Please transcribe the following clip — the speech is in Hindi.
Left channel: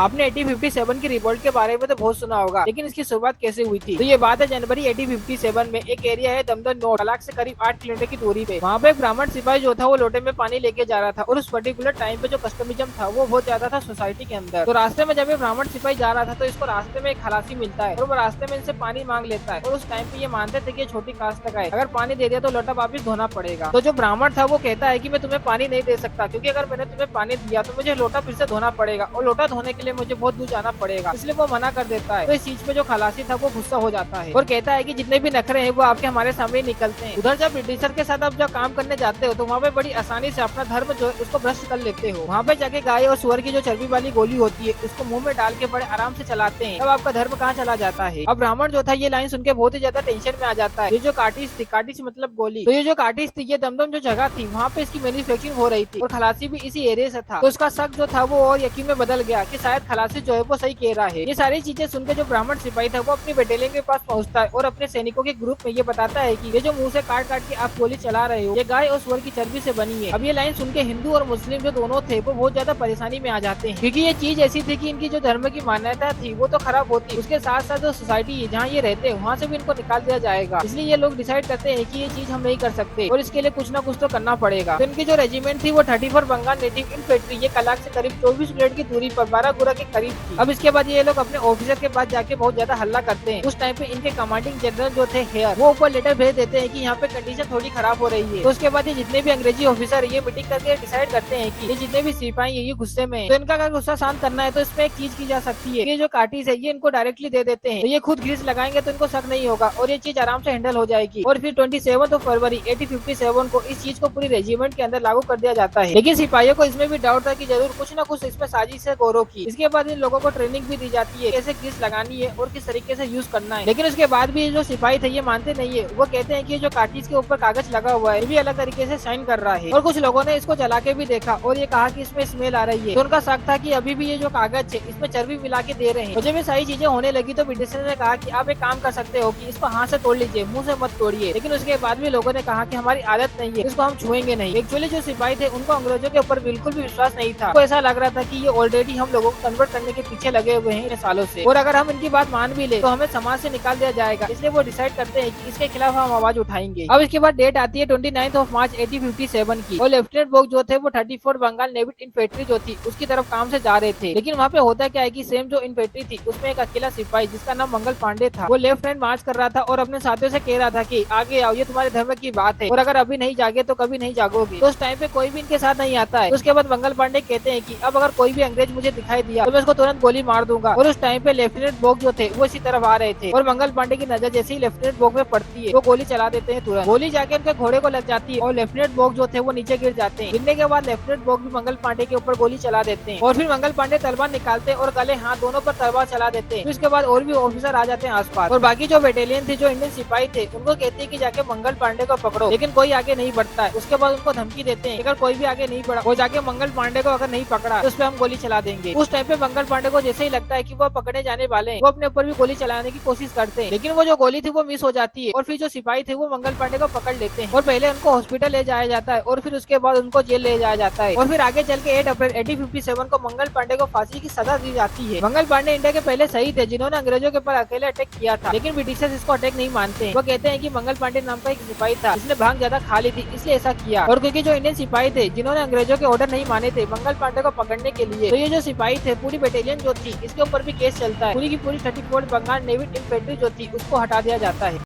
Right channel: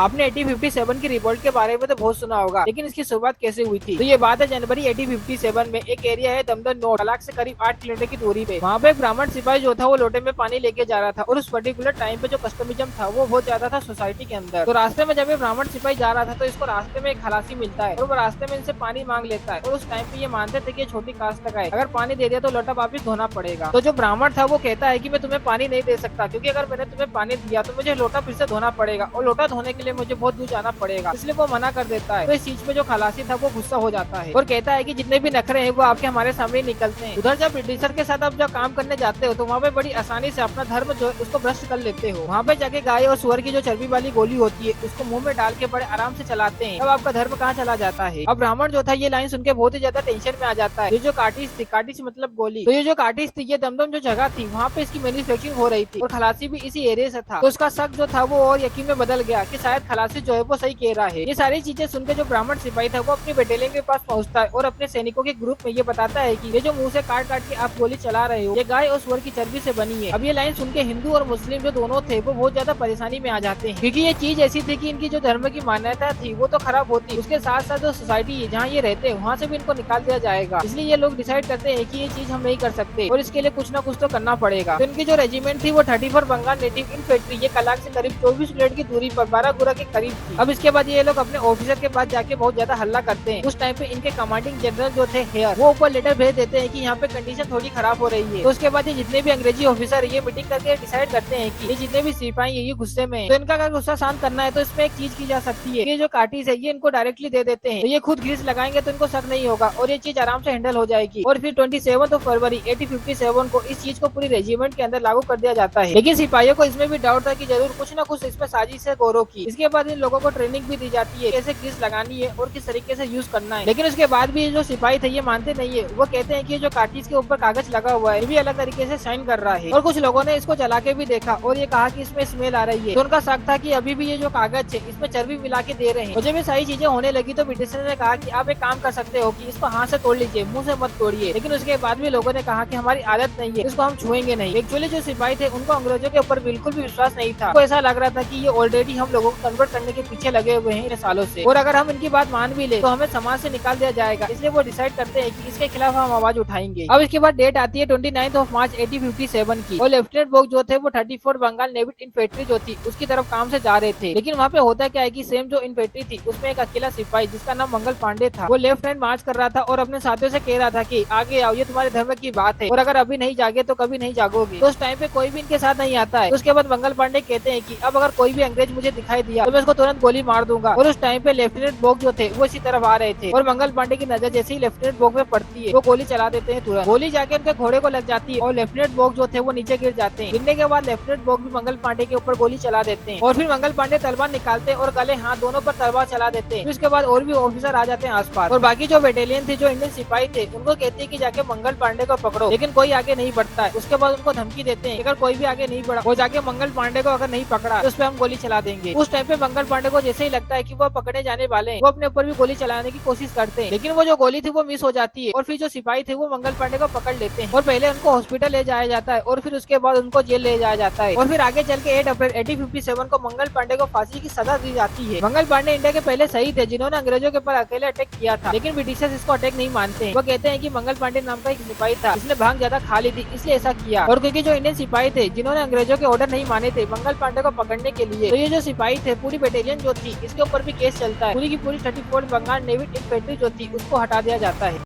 आपने 1857 की रिवोल्ट के बारे में तो बहुत सुना होगा, लेकिन इसकी शुरुआत कैसे हुई थी? तो ये बात है जनवरी 1857 में। एक एरिया है दमदर नोट, कलाक से करीब 8 किलोमीटर की दूरी पे। वहाँ पे एक ब्राह्मण सिपाही जो था वो लोटे में पानी लेके जा रहा था, और उस पर्टिकुलर टाइम पे जो कस्टमिज्म था वो बहुत ज्यादा था सोसाइटी के अंदर। तो रास्ते में जब ये ब्राह्मण सिपाही जा रहा था तो इसको रास्ते में एक खलासी मिलता है, और वो रास्ते में इनसे पानी मांग लेता है। और उस टाइम पे ये मानते थे कि छोटी कास्ट का है, अगर पानी दे दिया तो लोटा वापिस धोना पड़ेगा। तो जो ब्राह्मण था वो कहता है कि मैं तुम्हें पानी नहीं दे सकता, क्योंकि अगर मैंने तुम्हें पानी दिया तो मुझे लोटा फिर से धोना पड़ेगा, और लोटा धोने के लिए मुझे बहुत दूर जाना पड़ेगा, इसलिए वो मना कर देता है। तो इस चीज पे जो खलासी था वो गुस्सा हो जाता है और कहता है कि जितने भी नखरे हैं वो आपके हमारे सामने निकलते हैं। उधर जब ब्रिटिशर के साथ आप जब काम करने जाते हो तो वहाँ पे बड़ी आसानी से अपना धर्म जो उसको भ्रष्ट कर लेते हो। वहाँ पे जाके गाय और सुअर की जो चर्बी वाली गोली होती है उसको मुंह में डाल के बड़े आराम से चलाते हैं, तब आपका धर्म कहाँ चला जाता है। अब ब्राह्मण जो था ये लाइन सुन के बहुत ही ज्यादा टेंशन में आ जाता है। ये जो काटिस थी, काटिस मतलब गोली, तो ये जो काटिस थी ये दमदम जो जगह थी वहाँ पे इसकी मैन्युफैक्चरिंग हो रही थी, और खलासी भी इसी एरिया से था। तो उसका शक जो था वो और यकीन में बदल गया कि शायद खलासी जो है वो सही कह रहा है। ये सारी चीजें सुनकर जो ब्राह्मण सिपाही था वो अपनी बटालियन के पास पहुंचता है और अपने सैनिकों के ग्रुप में ये बताता है कि ये जो मुंह से काट काट के आप गोली चला रहे हो ये गाय और सुअर की चर्बी से बनी है। अब ये लाइन सुन के हिंदू और मुस्लिम जो दोनों थे वो बहुत ज्यादा परेशानी में आ जाते हैं, क्योंकि ये चीज ऐसी थी कि इनकी जो धर्म की मान्यता थी वो तो खराब होती, उसके साथ साथ जो सोसाइटी है जहाँ ये रहते हैं वहाँ से भी इनको निकाल दिया जाएगा। इसलिए ये लोग डिसाइड करते हैं कि ये चीज हम नहीं कर सकते और इसके लिए कुछ ना कुछ तो करना पड़ेगा। तो इनकी जो रेजिमेंट थी वो 34 बंगाल नेटिव इनफेंट्री, ये कलाक से करीब 24 किलोमीटर की दूरी पर बारागुड़ा के करीब थी। अब इसके बाद ये लोग अपने ऑफिसर के पास जाके बहुत ज्यादा हल्ला करते हैं। उस टाइम पे इनके कमांडिंग जनरल जो थे हेयर, वो ऊपर लेटर भेज देते हैं कि यहाँ पे कंडीशन थोड़ी खराब हो रही है। तो उसके बाद ये जितने भी अंग्रेजी ऑफिसर ये मीटिंग करके डिसाइड करते हैं कि ये जितने भी सिपाही है ये गुस्से में, तो इनका अगर गुस्सा शांत करना है तो इसमें एक चीज की जा सकती है। ये जो काटिस है ये इनको डायरेक्टली दे देते हैं, तो ये खुद ग्रीस लगाएंगे तो इनको शक नहीं होगा और ये चीज आराम से हैंडल हो जाएगी। और फिर 27 फरवरी 1857 को इस चीज को पूरी रेजिमेंट के अंदर लागू कर दिया जाता है। लेकिन सिपाहियों को इसमें भी डाउट था कि जरूर कुछ न कुछ इसमें साजिश है गौरव की। इसके बाद इन लोगों को ट्रेनिंग भी दी जाती है कैसे ग्रीस लगानी है और किस तरीके से यूज करना है। लेकिन उसके बाद भी जो सिपाही थे ये मानते नहीं है, वो कहते हैं कि जो काटिस के ऊपर कागज लगा हुआ है ये अलग तरीके से साइन कर रहा है। और कुछ लोगों ने इसको जला के भी देखा और ये कहा कि इसमें स्मेल आ रही है, तो उनका शक था कि अभी भी ये जो कागज है इसमें चर्बी मिला के दे रहे हैं। मुझे भी सारी चीजें होने लगी तो ब्रिटिशर ने कहा कि आप एक काम कर सकते हो कि इसको हाथ से तोड़ लीजिए, मुंह से मत तोड़िए। लेकिन उसके बाद भी लोगों ने कहा कि हमारी आदत नहीं है, इसको हम छुएंगे नहीं। एक्चुअली जो सिपाही थे उनको अंग्रेजों के ऊपर बिल्कुल भी विश्वास नहीं था। तो ऐसा लग रहा था कि ये ऑलरेडी हम लोगों को कन्वर्ट करने के पीछे लगे हुए हैं इन सालों से, और अगर हम इनकी बात मान भी ले तो हमें समाज से निकाल दिया जाएगा। इसलिए वो डिसाइड करते हैं कि इसके खिलाफ हम आवाज उठाएंगे। अब इसके बाद डेट आती है 29 मार्च 1857 की, और लेफ्टिनेंट बोक जो थे वो 34 बंगाल नेवी इन्फेंट्री जो थी उसकी तरफ काम से जा रहे थे। लेकिन वहाँ पे होता क्या है कि सेम जो इन्फेंट्री थी उसमें एक अकेला सिपाही जिसका नाम मंगल पांडे था, वो लेफ्ट हैंड मार्च कर रहा था और अपने साथियों से कह रहा था कि आगे आओ, ये तुम्हारे धर्म की बात है और अगर अभी नहीं जागे तो कभी नहीं जागोगे। तो उस टाइम पे कोई भी इनके साथ नहीं आता है। उसके बाद मंगल पांडे कहते हैं कि अब अगर कोई भी अंग्रेज मुझे दिखाई दिया तो मैं उसको तुरंत गोली मार दूंगा। और उस टाइम पे लेफ्टिनेंट बोक जो थे वो इसी तरफ आ रहे थे, और मंगल पांडे की नजर जैसे ही लेफ्टिनेंट बोक में पड़ती है वो गोली चला देते हैं तुरंत। गोली जाके उनके घोड़े को लग जाती है और लेफ्टिनेंट बोक जो थे वो नीचे गिर जाते हैं। गिरने के बाद लेफ्टिनेंट बोक भी मंगल पांडे के ऊपर गोली चला देते हैं, और फिर मंगल पांडे तलवार निकालते हैं और गले हाथ दोनों पर तलवार चला देते हैं। उसके बाद और भी ऑफिसर आ जाते हैं आसपास, और बाकी जो बटालियन थे जो इंडियन सिपाही थे उनको कहते हैं कि जाके मंगल पांडे को पकड़ो, लेकिन कोई आगे नहीं बढ़ता है। उसके बाद उनको धमकी देते हैं अगर कोई भी आगे नहीं बढ़ा और जाके मंगल पांडे को अगर नहीं पकड़ा उस पर हम गोली चला देंगे। उस टाइम पे मंगल पांडे को जैसे ही लगता है कि वो पकड़े जाने वाले हैं वो अपने ऊपर भी गोली चलाने की कोशिश करते हैं, लेकिन वो जो गोली थी वो मिस हो जाती है, और फिर जो सिपाही थे वो मंगल पांडे को पकड़ लेते हैं और पहले उनको हॉस्पिटल ले जाया जाता है और फिर उसके बाद उनको जेल ले जाया जाता है। और फिर आगे चल के 8 अप्रैल 1857 को मंगल पांडे को फांसी की सजा दी जाती है। मंगल पांडे इंडिया के पहले सही थे जिन्होंने अंग्रेजों के ऊपर अकेले अटैक किया था, लेकिन ब्रिटिशर्स इसको अटैक नहीं मानते हैं। वो कहते हैं कि मंगल पांडे नाम का एक सिपाही था जिसने भांग ज्यादा खा ली थी इसलिए ऐसा किया, और क्योंकि जो इंडियन सिपाही थे जिन्होंने अंग्रेजों के ऑर्डर नहीं माने थे मंगल पांडे को पकड़ने के लिए, तो ये जो सिपाही थे पूरी बटालियन जो थी इसके ऊपर भी केस चलता है। पूरी की पूरी 34 बंगाल नेवी इन्फेंट्री जो थी उसको हटा दिया जाता है।